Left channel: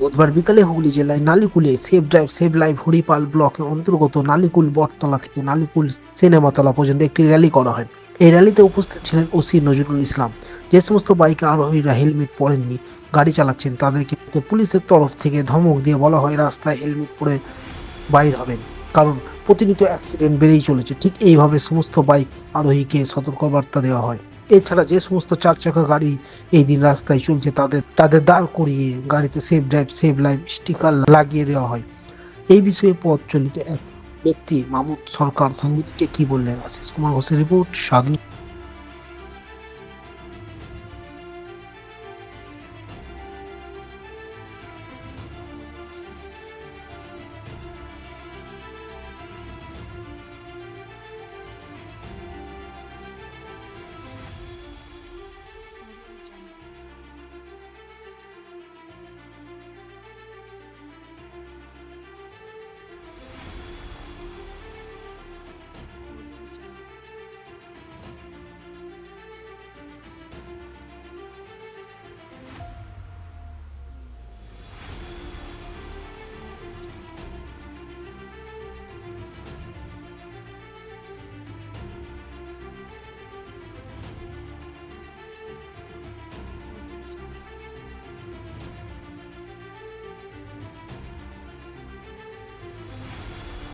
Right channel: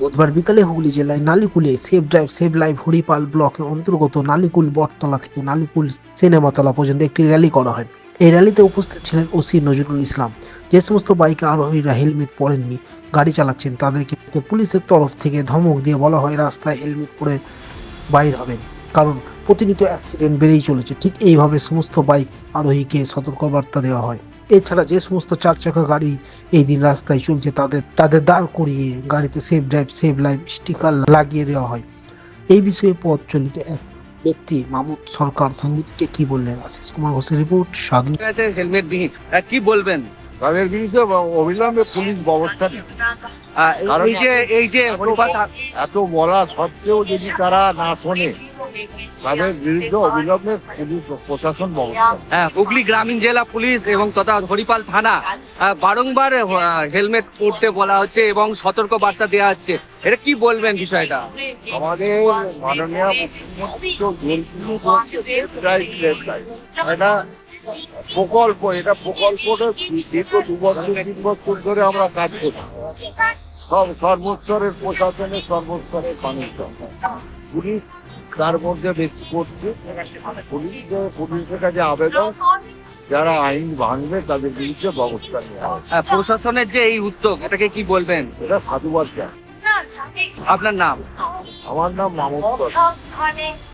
বুধবার বিকালে হুগলি জেলায় নালিকুলে save drive save life Haripal ব্লকের অন্তর্গত নালিকুল বটতলা থেকে নালিকুল সিনেমাতলা পর্যন্ত একটি র্যালি করা হয়। এই র্যালিতে উপস্থিত ছিলেন ওসি নজরুল ইসলাম। যে সমস্ত বাইকে আরোহীরা হেলমেট পরেননি, গাড়ি চালাচ্ছেন, তাদেরকে পুলিশের তরফ থেকে ধমক দিয়ে বলা হয় রাস্তায় হেলমেট পরে বাইর হবেন, কারণ প্রতিনিয়ত অ্যাক্সিডেন্ট বেড়েই চলেছে। ঠিক এইভাবে সমস্ত বাইক আরোহীকে সতর্কবার্তা দেওয়া হয়। এছাড়া যে সমস্ত চার চাকা গাড়ি এই দিন রাস্তায় চলছে তাদের তাদের দাঁড় করিয়ে গাড়িতে save drive save life sticker লাগিয়ে দেওয়া হয়। এই বিষয়ে পথ চলিত এক ব্যক্তি মামুদ সরকার সাংবাদিককে কি বললেন? আশিস কুমার ঘোষের রিপোর্ট, স্বাধীন। হেলমেট বিহীন কি বলবেন? তাদের বিরুদ্ধে অবিলম্বে পুলিশ ব্যবস্থা নেয়। কারণ এই যে এত বলা সত্ত্বেও যদি তারা না শোনে, তাদের বিরুদ্ধে অবিলম্বে পুলিশ প্রশাসন ব্যবস্থা নেয়। হুগলি গ্রামীণ জেলা পুলিশ এবং তথা হরিপাল থানা বারংবার হেলমেট পরতে বলা হচ্ছে এবং সতর্ক বার্তা দেওয়া হচ্ছে, এটা কি বলবেন বিষয়টা? আমাদের মাননীয় মুখ্যমন্ত্রী তো বলছেন যে safe drive, safe life। এটা প্রকল্প, এটা প্রকল্পটা দীর্ঘ 2 বছর 3 বছর ধরে আমরা কাজ করছি। সব সর্বস্তরের প্রশাসনের, সর্বস্তরের মানুষজন, পুলিশ তার মধ্যে বেশি করছে। পুলিশের কাছে আবেদন, যারা আইন ভাঙবে তাদের বিরুদ্ধে ব্যবস্থা নেওয়া হবে। প্রশাসনের যে এই উদ্যোগ, এটাকে কি বলবেন? এটা সাধুবাদ জানাই। আপনার নাম? আমার নাম মামুদ সরকার।